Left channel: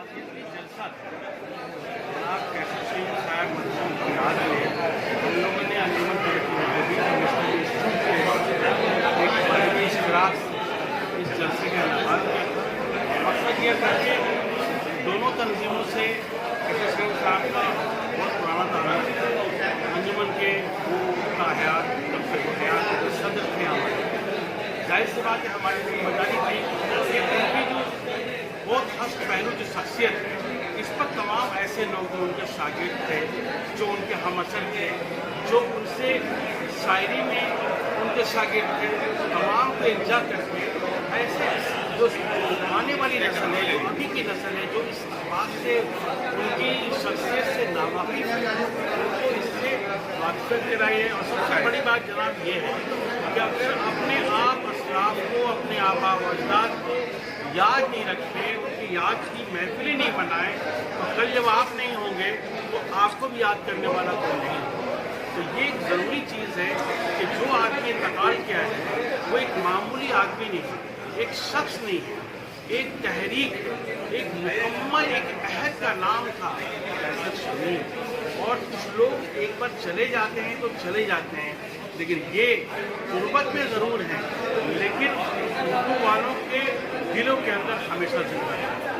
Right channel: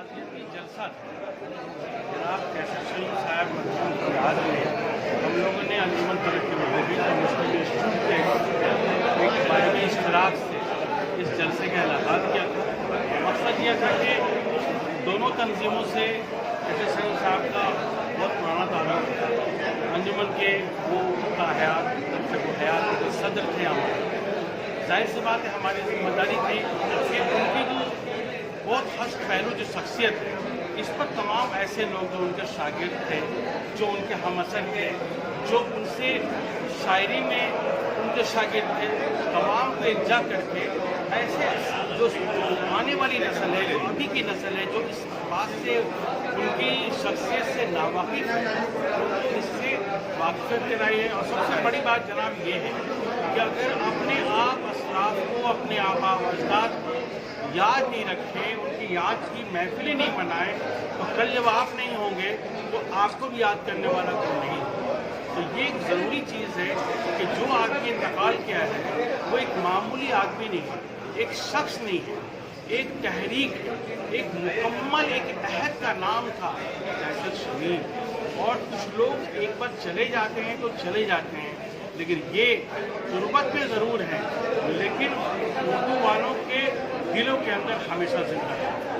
आज़ादी जलसा जनाब कैसे सैयद साहब मरहूम को याद में हम लोगों ने अंजुमन तरक्की मजहबी और मुस्लिम इंस्टीट्यूट के बाहरी इश्तराक से इस जलसे का इनेकाद किया था। मकसद यह था कि दोनों तंजीमों से कैसे सैयद साहब का बहुत पुराना ताल्लुक, अंजुमन के वो का हयात उनके वो हयात सदर थे जाहिर सी बात है हमारी जिम्मेदारी थी कि उनकी जो बहुत खास पहलू जो शख्सियत है इस पर तमाम ऐसे लोग जो उनके शागिर्द थे, जो उनके हमअसर थे, जो उनसे शायरी में उनके शागिर्द थे, तमाम के इल्जा करके ऐसे जो आने वाली नस्ल है, जो अभी की नस्ल है, जो इस बात से उनकी शख्सियत से नावाकिफ है, उनको इससे वाकिफ कराइए। और सबसे बड़ी बात जनाब ये है कि अगर अपने आप असलाफ को, अपने आबा व अजदाद को याद नहीं रखें, उनकी याद की महफिलें नहीं बनाएं, तो कल जब आप नहीं होंगे तो आपको भी याद करने वाला कोई नहीं। तो ये एक ज़रूरी चीज़ है कि जो आदमी इंतकाल किया है वो एक मामूली आदमी नहीं है, एक शख्स नहीं है, एक तहरीक, एक मुकम्मल एक अहद का नाम था शमीर। और कुछ लोग एक बार चले जाते हैं तो चले जाते हैं, लेकिन ये गुर्बत में ज़रूर हैं, लेकिन उर्दू वालों के दिलों के अंदर हमेशा जिंदा है।